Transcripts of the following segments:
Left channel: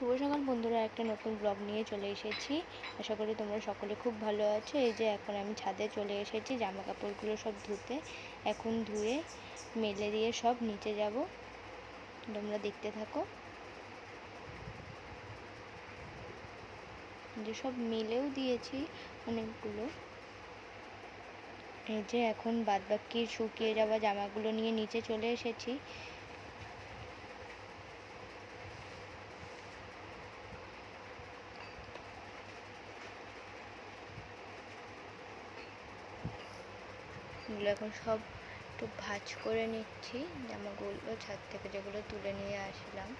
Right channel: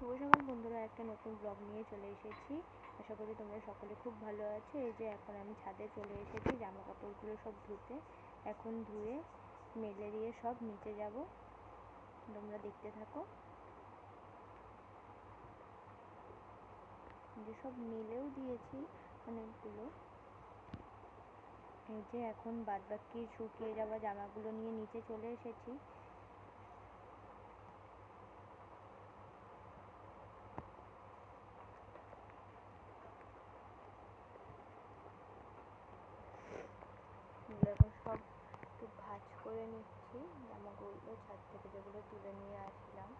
শুভ সকাল বন্ধুরা, একটা নতুন ব্লগ নিয়ে চলে এসেছি। আশা করি তোমরা সকলে খুব ভালো আছো। এই যে এখন আমি ছাদে চলে এসেছি জামা কাপড়গুলো সব ধুতে। এখন ধুয়ে মেলে দিয়ে সব নিচে যাব, তোমরা দেখতে থাকো। যে সব মেলেও দিয়েছি অনেকগুলো। এই যে এখন বাদবাকি শুকিয়ে যাওয়া জামাগুলো নিয়ে নিচে চলে এসেছি। এগুলো এখন সব একটু ভাঁজ করে নিচ্ছি, জামাগুলো ছাদ থেকে যেগুলো তুলে নিয়ে আসলাম।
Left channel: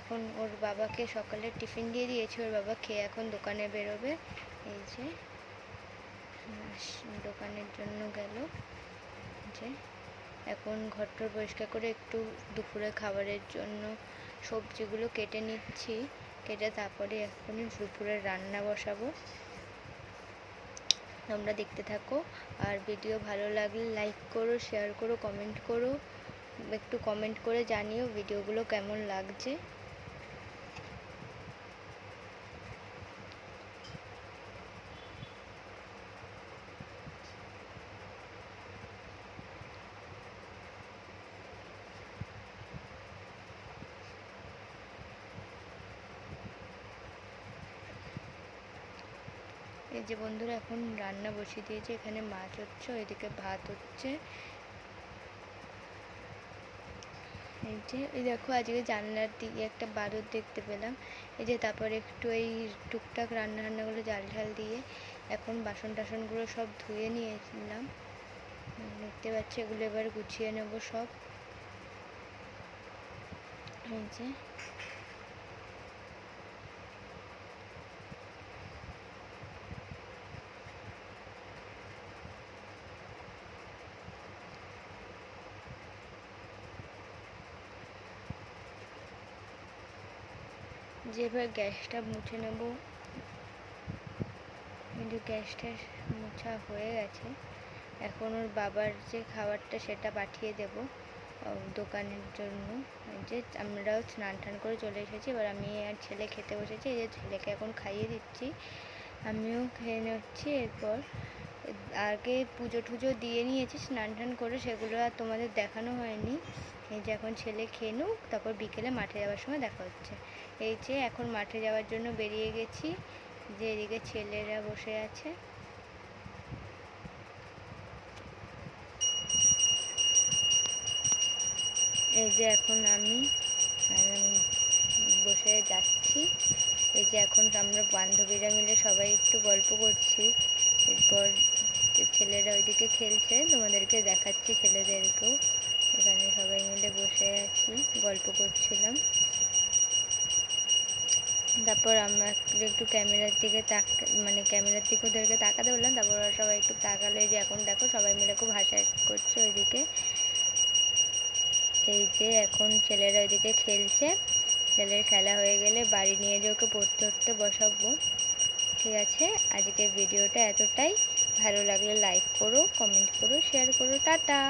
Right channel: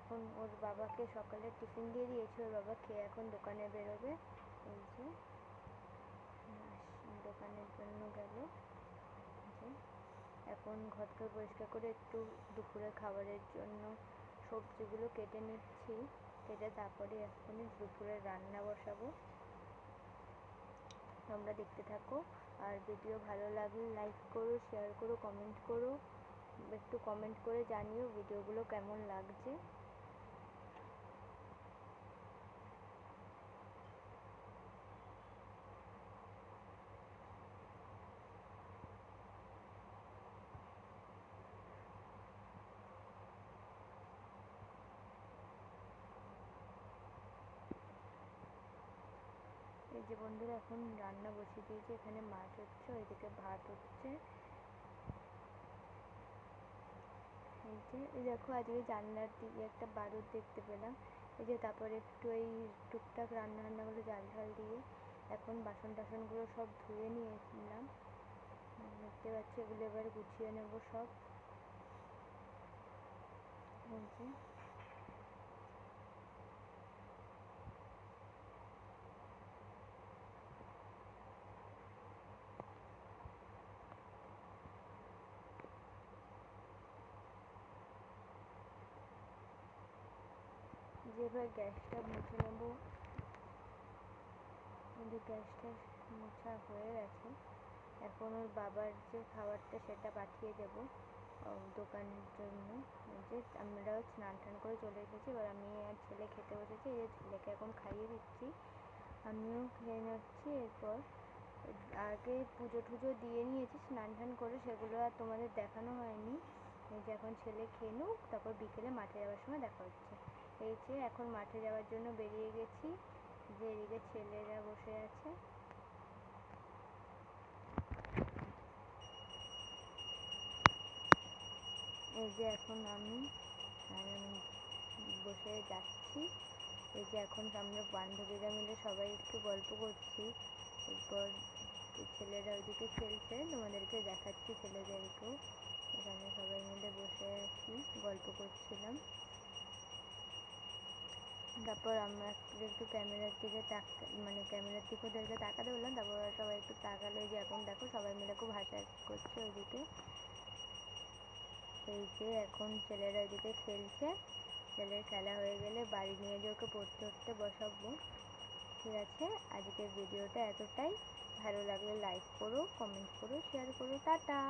এখন ওর বাবাকে সকালে টিফিন দিয়ে দিয়েছি, ওর বাবা খেয়ে এখন দোকানে বেরোবে। এই যে দোকানের জন্য গেল। যে এখন ঘরটা পরিষ্কার করে একটু দুপুরে খাবারের জন্য সবজিগুলো কেটে নিচ্ছি। কেটে তারপরে এখন দুপুরের রান্না বসাবো। তোমরা দেখতে থাকো। আর ভিডিও ভালো লাগলে লাইক করো, শেয়ার করো, কমেন্ট করো। একটু কমেন্ট করে জানিও ভিডিওগুলো কেমন লাগছে। এই যে বন্ধুরা এখন রান্না বসিয়ে দিয়েছে, এখানে মাছ হচ্ছে, ওইদিকে ভাত হচ্ছে। এই যে এই দেখো আজকে জানলার দিকে একটা বাদুড় দেখতে পেলাম। এই যে তারপরে একটু এই টুকটাক রান্নাগুলো জাল ঝাল দিয়ে এখন বাসন টাসনগুলো সব ধুয়ে নিয়েছিলাম। দেখতে পাচ্ছি এগুলো এবার গুছিয়ে নেব সব। এই যে এবার গ্যাসটা মুছে নেব। কিন্তু গ্যাসটা মোছা হয়ে গেছে। এখন ওর বাবার যে খাবারটা সেটা পাঠিয়ে দেব দোকানের জন্য। যে আমরাও স্নান টান করে চলে এসেছি, এবার আমি আর ছেলে খেতে বসেছি। এই যে ছেলেকে এখন খাইয়ে দিচ্ছি, আমিও খেয়ে নিচ্ছি। এরপর আগে পুজো টুজো দিয়ে নিয়েছি স্নান টান করে, সেগুলো আর তোমাদের দেখানো হয়নি। এই যে এখন ছেলে খেয়ে নুক, তারপর বিকেলে মাঠে যাওয়ার সময় দেখা হচ্ছে। এই যে এখন মাঠে যাওয়ার জন্য বেরিয়ে গেছি। যে এদিকে ছেলেরা বসে আছে। এই যে এখন আমি বসে যাচ্ছি। এই যে এখন আমরা বান্ধবীরা মিলে সবাই একটু গল্প করছি। এরপর ছেলেরা ওইদিকে খেলছে, তোমাদেরকে দেখাচ্ছি ছেলেদেরকেও। এখানে সবাই মিলে বসে আছি, গল্প করছিলাম। তারপর আমরা একটু ক্যামেরার দিকে ক্যামেরার দিকে ওদেরকে তাকাতে বললাম। তারপর ওরা সবাই একটু তাকালো। এই যে এখন দেখো সবাই মিলে খুব হাসা করছে ওইদিকে। এই যে এখন ছেলেরা ওইদিকে খেলছে। ছেলের খেলা হয়ে গেলে বাড়ি নিয়ে যে ওকে পড়তে বসাবো। ঠিক আছে, আজকের ভিডিওটা এতটাই। ভালো লাগলে লাইক করো, কমেন্ট করো, শেয়ার করো। টাটা।